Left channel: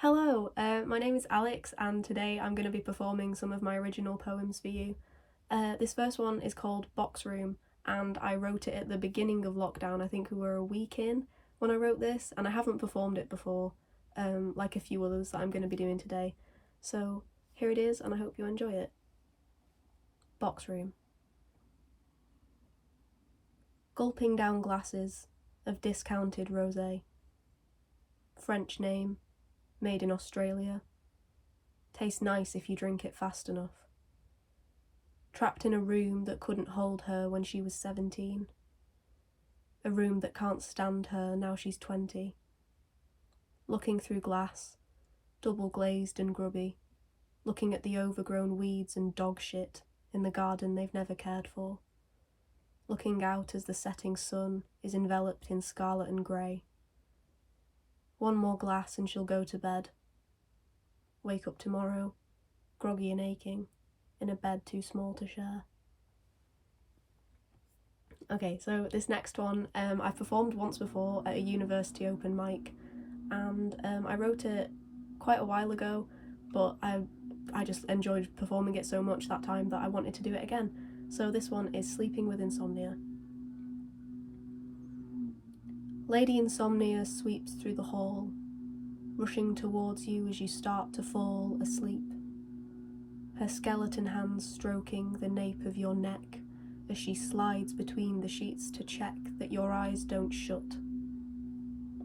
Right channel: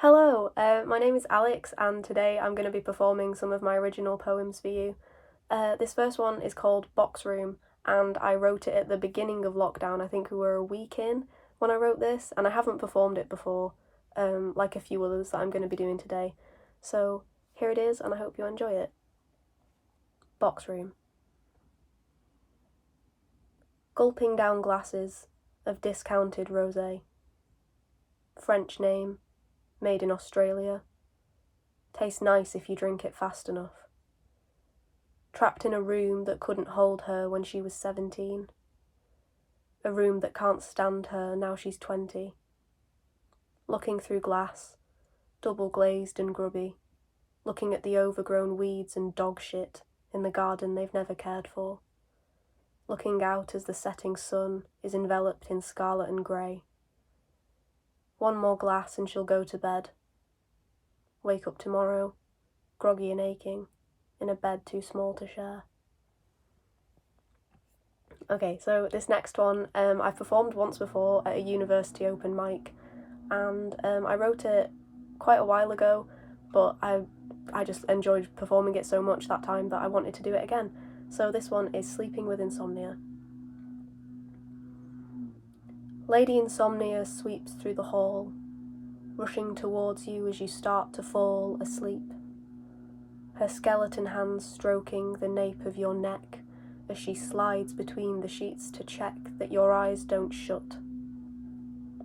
Hello, my name is Alex, and today I'm going to be performing some of my original poems for you. This first one is called Box Room, and I wrote it at the beginning of lockdown. I think we were a week in when I wrote this, and I haven't performed it before, like a few others that I'm going to be doing today. So here it is, and I hope you enjoy it. Box Room. Gulping down glasses of discounted rosé. French name. Made in Australia. Tastes nice if you drink it fast enough. Trapped in a room that couldn't hold her when she was 17. A room that can't stand her now she's 20. Looking through glass, double glazed and grubby, looking at the overgrown weeds and dog shit in the garden they've never cared for. Looking out as the setting sun is enveloped in scarlet and grey. One more glass and she'll go to bed. Wake up tomorrow, groggy and aching, in a bed too small to share. Okay, so this next one, I've performed once before at a university open mic, and I wrote it quite a while ago, but I just enjoyed performing it so much that time that I wanted to do it again. So this one is Sleeping with Insomnia. Lady Insomnia sweeps through the hall, rushing towards you as you start to fall asleep. Her skeleton hands stroking the nape of your neck as she slides between the sheets to check that your eyes don't shut.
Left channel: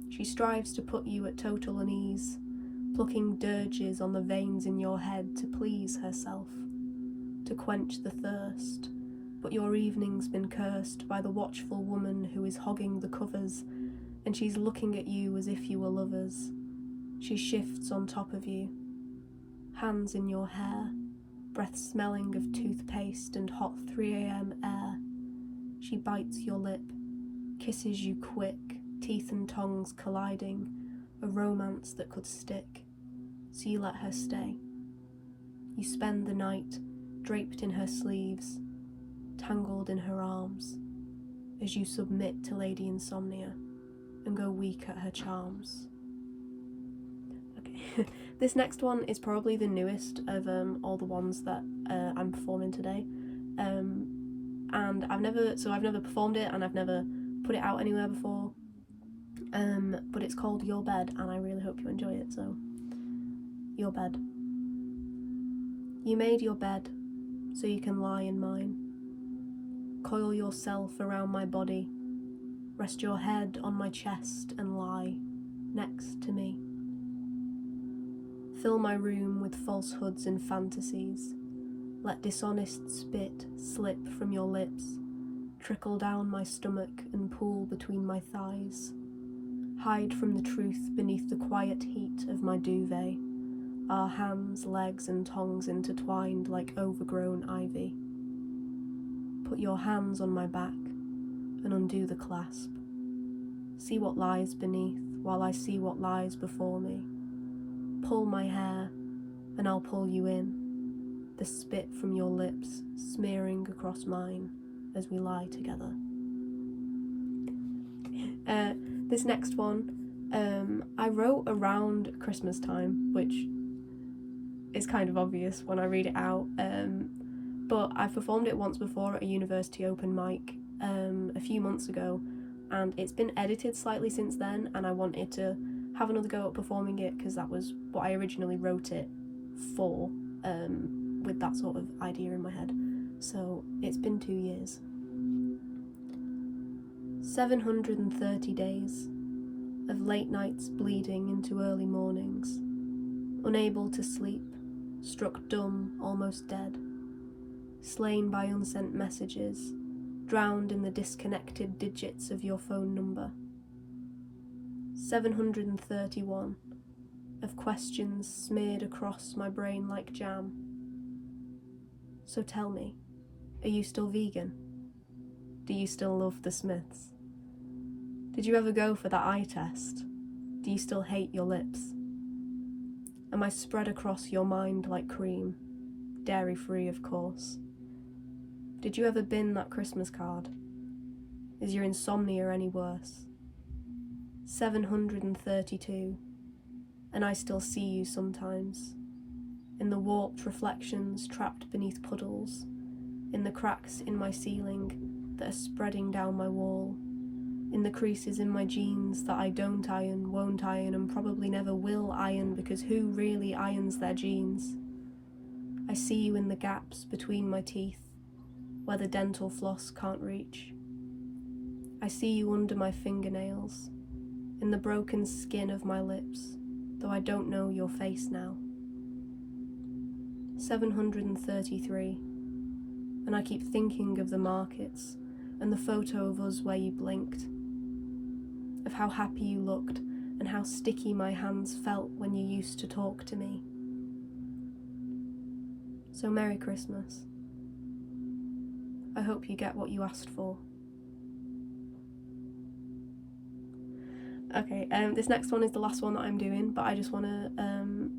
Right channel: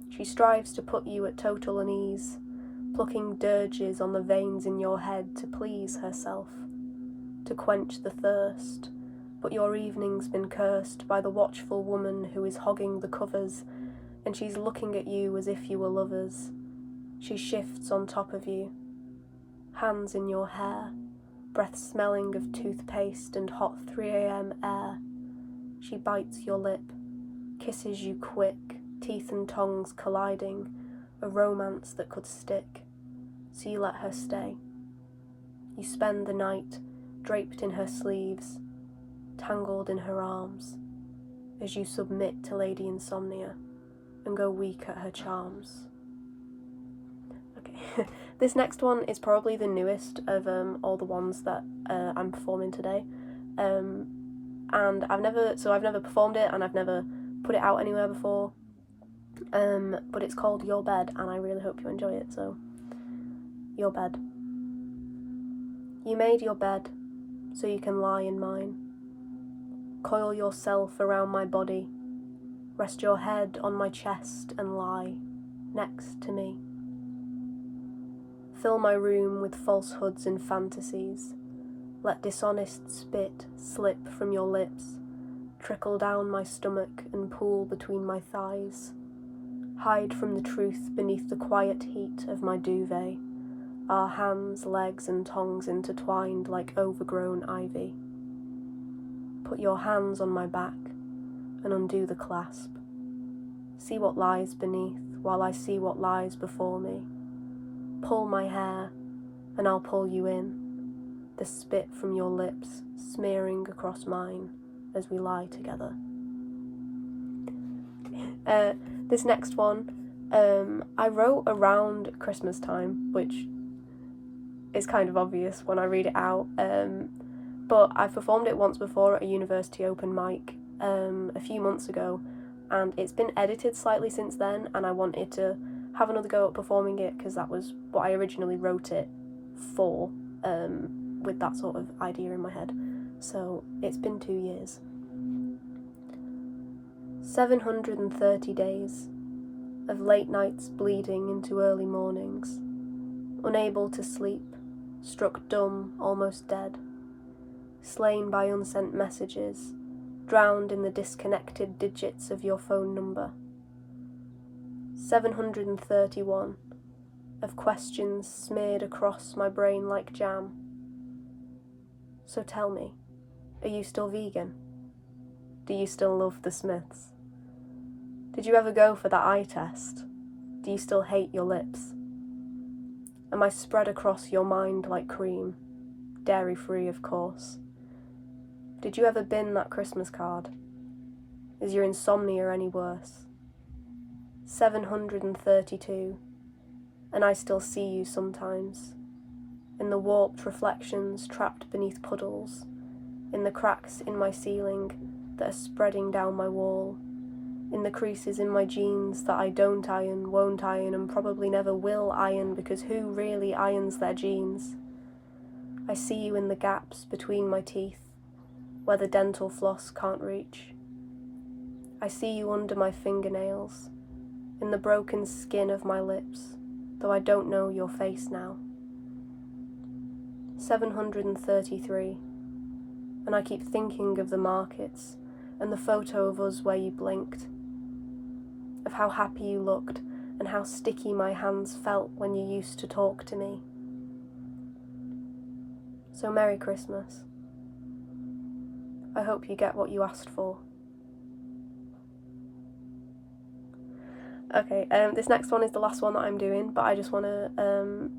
She strives to put you at total unease, plucking dirges on the veins in your head to please herself, to quench the thirst, but your evening's been cursed by the watchful woman who is hogging the covers, and she's looking at you as if you were lovers. She shifts on top of you, hands in your hair, breath smelling of toothpaste and hot 3 a.m. air. She bites your lip, kisses you quick, teeth and tongues colliding, a romance that could stick, so you let her stay. You spend the night draped in her sleeves, tangled in her arms, as you submit to Lady Insomnia and go weak at her charms. Okay, this next one is probably the newest of all the ones that I'm performing today, and I've never performed it and I've never put it out anywhere before, but it's called Your Bed, and I really hope you enjoy it. So, your bed. You made your bed so you can lie in mine. Coil yourself around my body, rest your head on my chest and lie next to me. Fill my room with falsehoods and fantasies. Let dishonest spit slip from your lips, trickle down my stomach and pool between my thighs. Hide from the truth beneath the quiet heat of my duvet, our hands, legs and tongues intertwined like overgrown ivy. Put your hands on my back and undo the clasp. See what lies beneath while I see what lies before me. Pull my hair and I'll pull you in, the spit from your lips smearing across mine as we lie together. This next one, I wrote around Christmastime, which is kind of obvious when I read it out, but I've performed it once before at a university open mic a few months ago, and it's been edited slightly since then, and I wanted to have another go at performing it because that was what I originally wrote it for, with that sort of idea in my head. So it's been 2 years. 730 days of late nights bleeding into early mornings, unable to sleep, struck dumb, almost dead, slain by unsent messages, drowned in the disconnected digits of your phone number. 731 of questions smeared across my brain like jam. So tell me, are you still vegan? Do you still love the Smiths? Did you ever go for that eye test? Do you still hate your lips? Am I spread across your mind like cream, dairy-free of course? Did you ever bin that Christmas card? Is your insomnia any worse? 732 and I still see you sometimes, in the warped reflections trapped beneath puddles, in the cracks in my ceiling that are spreading down my wall, in the creases in my jeans that I don't iron, won't iron, and probably never will iron, because who really irons their jeans? I see you in the gaps between my teeth, where the dental floss can't reach. I see you under my fingernails, in the broken skin of my lips, though I don't know your face now. 733, and I keep thinking of the markets and the photo of us where you blinked, of how happy you looked and how sticky my hands felt when you used to talk to me. So Merry Christmas. I hope you get what you asked for. Okay, this next one is the last one that I'm doing, but I just want to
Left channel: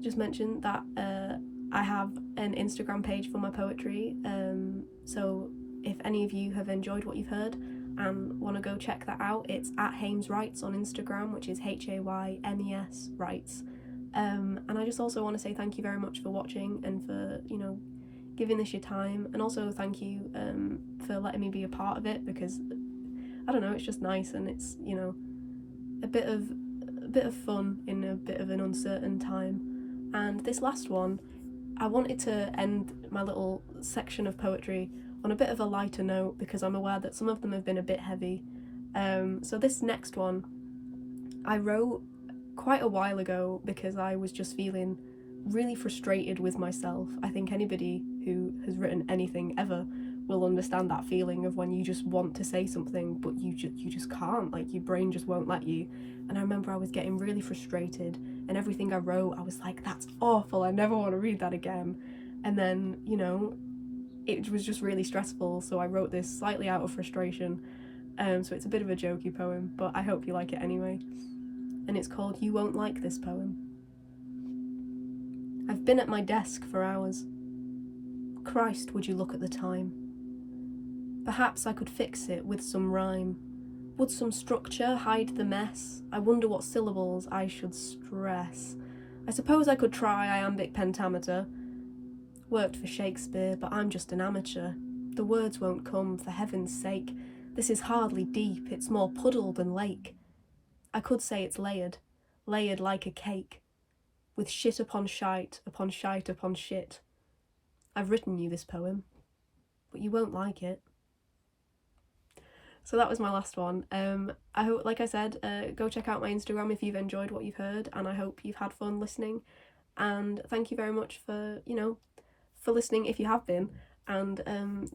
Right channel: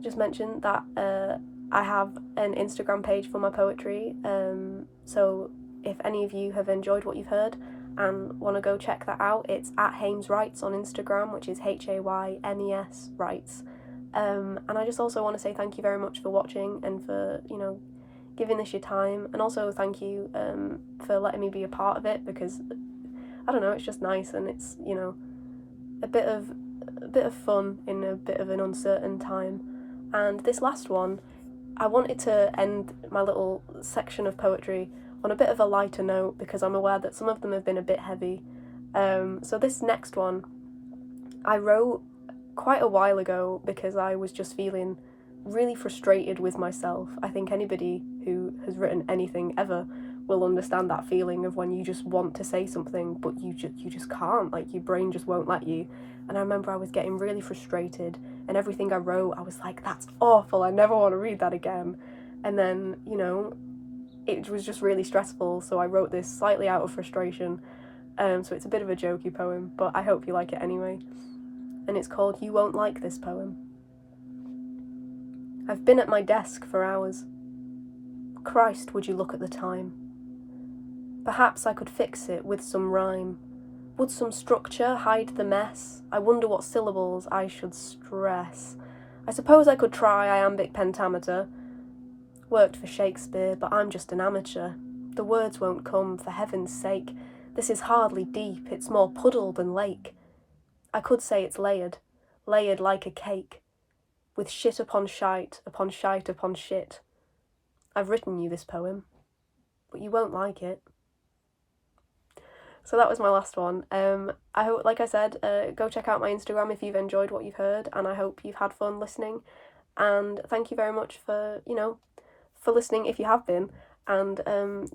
just mention that I have an Instagram page for my poetry, so if any of you have enjoyed what you've heard and want to go check that out, it's at Haymes Writes on Instagram, which is HAYMES Writes. And I just also want to say thank you very much for watching and for, giving this your time, and also thank you for letting me be a part of it, because I don't know, it's just nice, and it's, a bit of fun in a bit of an uncertain time. And this last one, I wanted to end my little section of poetry on a bit of a lighter note, because I'm aware that some of them have been a bit heavy. So this next one I wrote quite a while ago because I was just feeling really frustrated with myself. I think anybody who has written anything ever will understand that feeling of when you just want to say something but you just can't, like your brain just won't let you. And I remember I was getting really frustrated, and everything I wrote I was like, that's awful, I never want to read that again. And then it was just really stressful, so I wrote this slightly out of frustration. So it's a bit of a jokey poem, but I hope you like it anyway. And it's called You Won't Like This Poem. I've been at my desk for hours. Christ, would you look at the time? Perhaps I could fix it with some rhyme. Would some structure hide the mess? I wonder what syllables I should stress. I suppose I could try iambic pentameter. Worked for Shakespeare, but I'm just an amateur. The words won't come, for heaven's sake. This is hardly deep, it's more puddle than lake. I could say it's layered like a cake, with shit upon shite, upon shite upon shit. I've written you this poem, but you won't like it. So that was my last one. I hope, like I said, go check out my Instagram if you've enjoyed what you've heard, and I hope you've had fun listening. And thank you very much for listening if you have been. And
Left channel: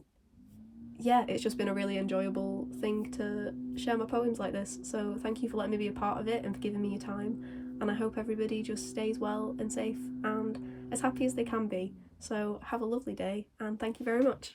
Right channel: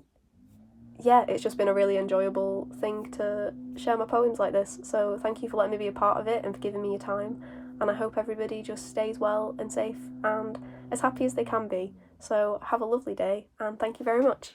yeah, it's just been a really enjoyable thing to share my poems like this. So thank you for letting me be a part of it and for giving me your time. And I hope everybody just stays well and safe and as happy as they can be. So have a lovely day, and thank you very much.